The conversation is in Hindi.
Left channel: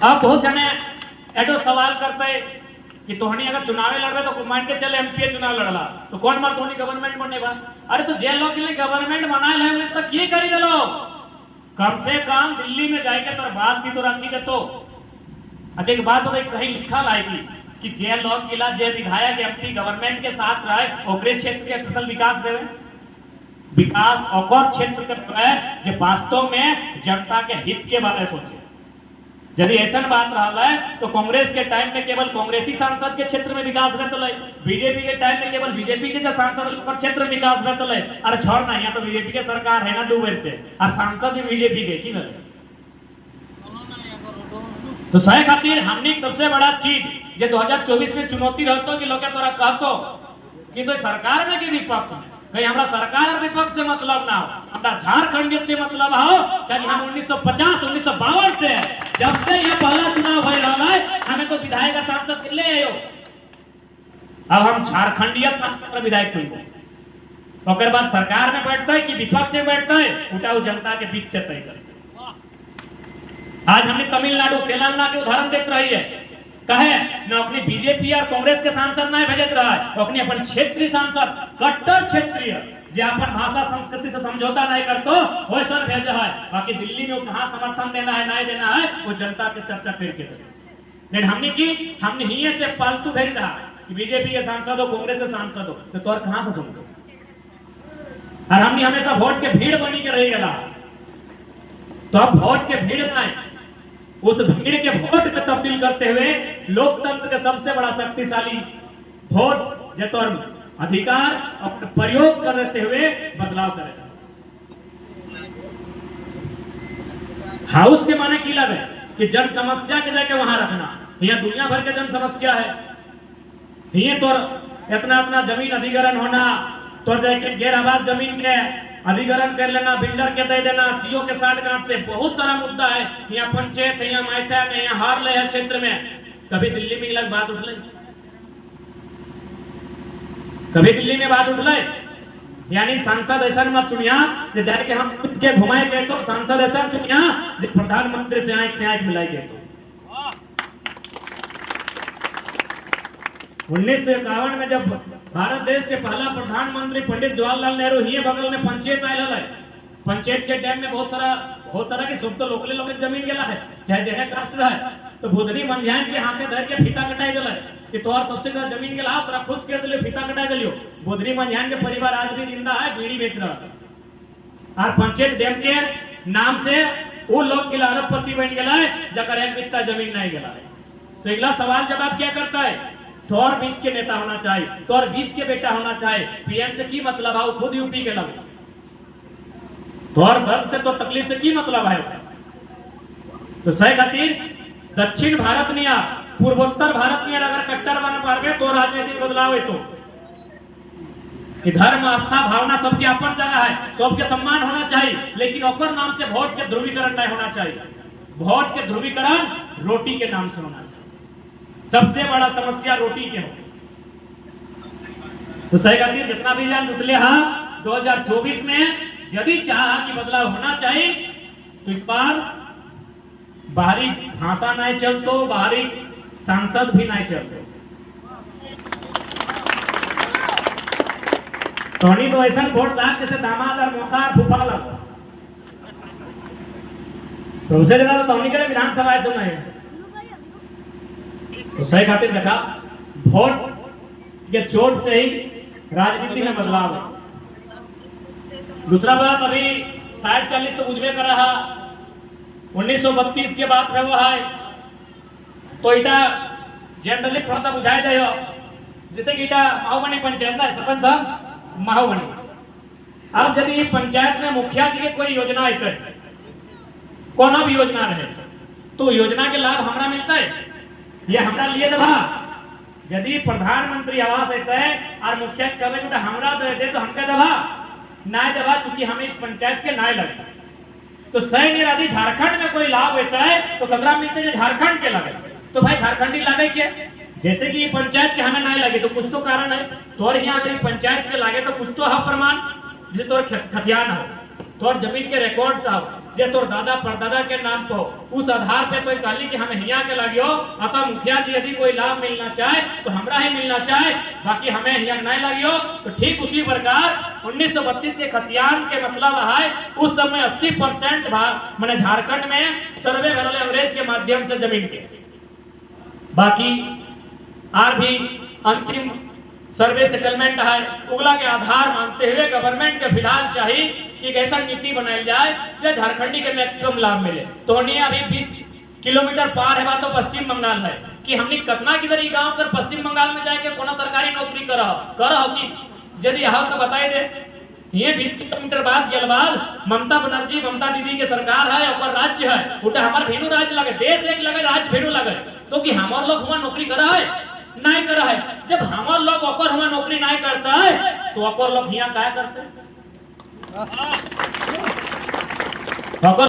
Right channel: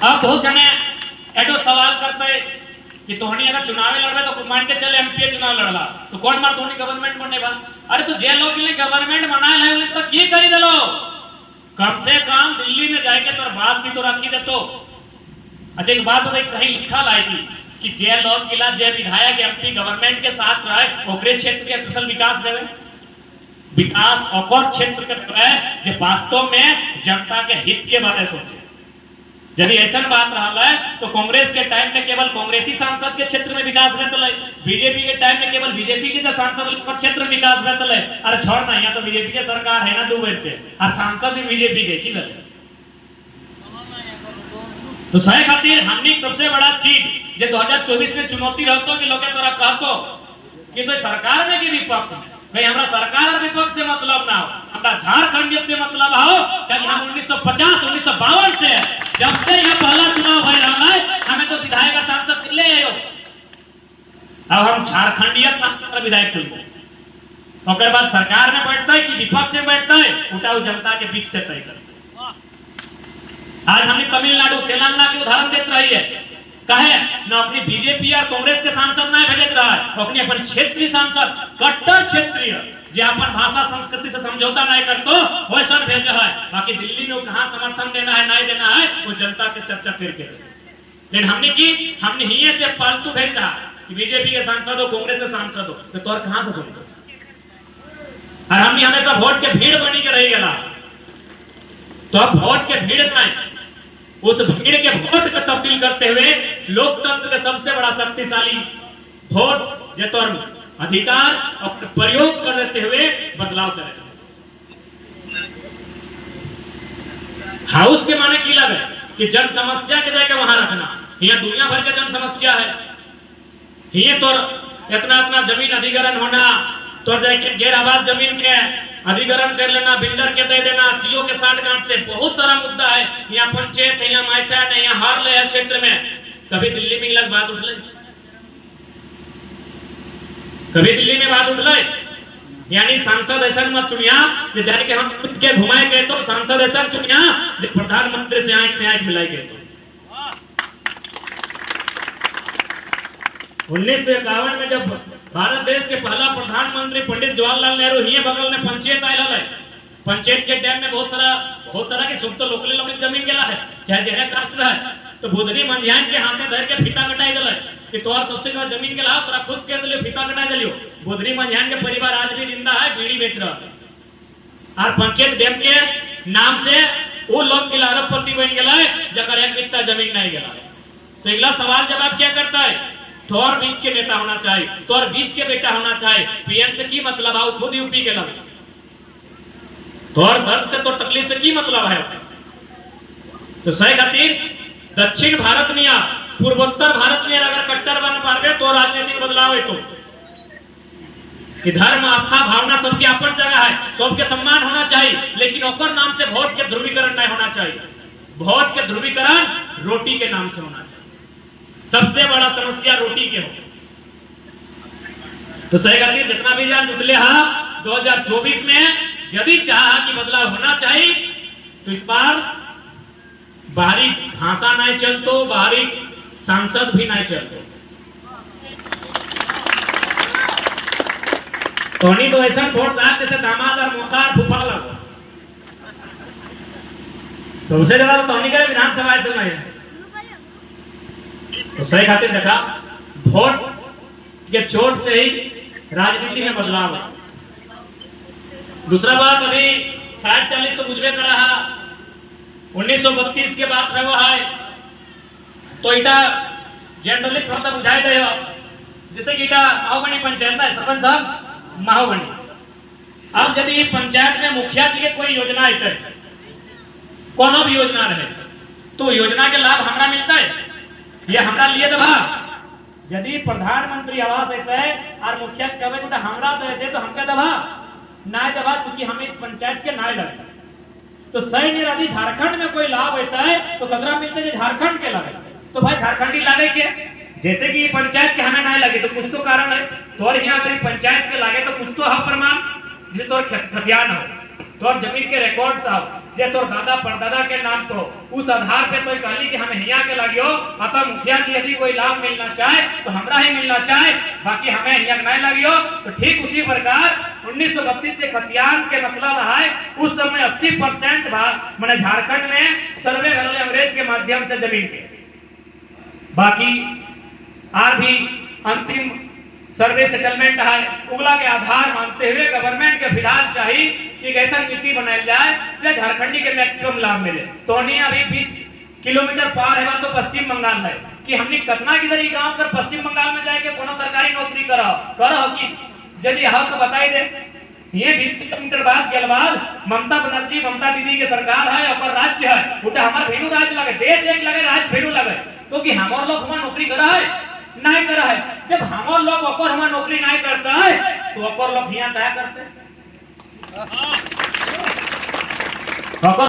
अब बहुत जने एटो सवाल करते कि तोहनी अगर चुनाव लड़बे तो मान के चले एमपी चुनाव लड़ला तो कौन मार तोहनी गवर्नमेंट बनेगा। अरे तो जे लोग के लिए गवर्नमेंट बनाए है उन्हें तो की करी दलो, कम से कम दिल्ली में जाके तो बात थी तो रखी दे तो। अच्छा एक बात भाई कहीं लिखा लाएगी कि जे लोग किला जे विधायक एमपी गवर्नमेंट के साथ रहे ओकरे क्षेत्र के स्पेशल विकास देवे, विकास और क्षेत्र के रहे जो वास्तव में जनता के हित के बारे सोचे। यदि ऐसा बात रहा है तो कांग्रेस के टाइम में केवल कांग्रेसी सांसद के क्षेत्र में विकास रहता है, बीजेपी के टाइम में केवल बीजेपी के सांसद पर क्षेत्र में विकास रहता है। अरे छोड़ ना, यहाँ तो बीजेपी के सरकार है ना 2 वर्ष से और सांसद भी बीजेपी के की नहीं। तो सही खातिर हमने सबसे बड़ा चीज जो 2024 में चुनौती रहता कि लोग तोरा कहतो कि तो सरकार में कि विपक्ष में कहीं हमरा सरकार और विपक्ष से मतलब ना हो, हमरा झारखंड से मतलब हो। क्योंकि हम 1950-1952 से जब से यह पहला चुनाव भइल है हमें तो विधायक और सांसद ले आयो। अब हम झारखंडीय सांसद और विधायक चुनते ओकर बाद सरकार में बैठते है कि विपक्ष में बैठते है उठाओ जनता के बीच से तय करते। आज हम तमिलनाडु तेलंगाना के उदाहरण देते रही है, कहे न अपनी बीजेपी और कांग्रेस के सांसद नहीं भेजत रहा है, तो अपने अपन क्षेत्रीय सांसद कट्टर क्षेत्रीय जो अपन भाषा संस्कृति से समझौता नहीं करतो वैसा भेजा है। बाकी दिल्ली में कहाँ समर्थन देना है नहीं देना है वो जनता के चर्चा करके। लेकिन हमने ही से पालतू भेज रहा कि बीजेपी के सांसद हो कांग्रेस के सांसद हो तो तोर कहाँ से सुनते। और हमने हमेशा वोट के भीड़ बनी के रह गया, तो अब वोट के भीड़ में उस भीड़ के वोट को तब्दील करते हुए लोकतंत्र का सबसे बड़ा शक्तिशाली वोट जो तो अधिकार और प्रयोग करते हुए बदलाव करें। हाउस के माने की लगे कि जन समस्या के जाके वहां रखना, यह दुनिया भर के जन समस्या है। ये तो इतना जमीन अधिग्रहण होना, तो जाके गैर आबाद जमीन के अधिग्रहण कर लेना, बिल्डर के दे देना, सीओ के 60 गांठ से बहुत सारा मुद्दा है। यहाँ पंचायत है, यहाँ माइथन है, यहाँ हार ले क्षेत्र में। कभी दिल्ली में अलग बात उठल, कभी दिल्ली में बात उठल, यानी सांसद ऐसा मत चुनिया जो जाके हम खुद के घुमाए गए, तो सांसद ऐसा चुनिया जो प्रधानमंत्री से आंख मिलाई गए। तो 1951 में जब भारत देश के पहला प्रधानमंत्री पंडित जवाहरलाल नेहरू ही बगल में पंचायत आयल है, पंचायत के टाइम में बहुत सारा की सुख तो लोकले लोग जमीन गेला है, चाहे जगह कास्ट है, तो बुधनी मंझान के हाथे धर के फीता कटाई दिला कि तोर सबसे ज्यादा जमीन के लाभ तोरा खुश कर दिलियो, फीता कटाई दिलियो। बुधनी मंझान के परिवार आज भी जिंदा है, बीड़ी बेच रहा है। और पंचायत डैम के नाम से वो लोग के अरबपति बन गया है जकर एक बित्ता जमीन नहीं गया है। तो अगला सवाल जवाब क्या करता है, तोर बीच के नेता होना चाहिए, तोर बीच के बेटा होना चाहिए। पीएम से की मतलब है, खुद यूपी के लगे, तोर दर्द से तो तकलीफ से की मतलब है। तो सही खातिर दक्षिण भारत में या पूर्वोत्तर भारत में अगर कट्टर बन पावे तो राजनीतिक बदलाव है। तो कि धर्म आस्था भावना सबकी अपन जगह है, सबके सम्मान होना चाहिए, लेकिन ओकर नाम से वोट के ध्रुवीकरण नहीं होना चाहिए। वोट के ध्रुवीकरण रोटी के नाम से होना चाहिए। सबसे बड़ा समस्या रोटी के हो। तो सही खातिर जितना भी जान जुटले हा 2024 में यदि चाहा कि बदलाव होना चाहिए तो इस बार बाहरी भाषा नहीं चलतो, बाहरी सांसद भी नहीं चलतो। तोनी तो ऐसा वोट दान जैसे दामाद और मौसा फूफा लगो। सबसे ज्यादा तो तोनी के विधानसभा ऐसे नहीं है। तो सही खातिर देखा वोट के चोट से ही राजनीति में बदलाव है। दूसरा बात अभी 60-40 तो बुझबे कर रहा, 1932 के बाद रहा है तो इटा जनरली थोड़ा सा बुझाए दे जैसे कि इटा माहोगनी पंचायत है, सरपंच साहब माहोगनी। अब यदि पंचायत में मुखिया जी के कोई योजना है, कोनो भी योजना रहे, तो योजना के लाभ हमरा मिलता है, ये हमरा लिए दबा। यदि प्रधानमंत्री आवास है और मुखिया कहे बेटा हमरा दे तो हमके दबा ना दबा, क्योंकि हमें इस पंचायत के ना लगता। तो सही में यदि झारखंड में कोई लाभ होता है तो कदरा मिलते हैं झारखंड के लगे, तो भाई झारखंडी लागे क्या? जैसे कि पंचायत के हमें नहीं लगे तो कुछ तो कारण है, तो और यहाँ अगर पंचायत के लागे तो कुछ तो है प्रमाण, जिसे तो खतियान हो, तो और जमीन के रिकॉर्ड हो, जे तोर दादा परदादा के नाम तो उस आधार पे तो कहली कि हम हिया के लगियो अतः मुखिया जी यदि कोई लाभ मिलना चाहे तो हमरा ही मिलना चाहे, बाकी हमें हिया नहीं लगियो। तो ठीक उसी प्रकार 1932 के खतियान के मतलब है उस समय 80% मैंने झारखंड में सर्वे वाले अंग्रेज के माध्यम से जमीन के, बाकी और भी अंतिम सर्वे सेटलमेंट है उगला के आधार मानते हुए गवर्नमेंट के फिलहाल चाहिए कि ऐसा नीति बनाई जाए जो झारखंडी के मैक्सिमम लाभ मिले। तो अभी 20 किलोमीटर पार है तो पश्चिम बंगाल है कि हमने कतना किधर ही गांव कर पश्चिम बंगाल में जाके कोनो सरकारी नौकरी करो कि यदि हो तो बताई दे। ये 20 किलोमीटर बाद के बाद ममता बनर्जी ममता दीदी के सरकार है और राज्य है उठे हमारे भेड़ू राज्य लगे, देश एक लगे राज्य भेड़ू लगे, तो कि हमारे लोग हुआ नौकरी करा है नहीं करा है। जब हमारे लोग ओकर हुआ नौकरी नहीं करता है तो ओकर लोग यहाँ क्या करते हैं?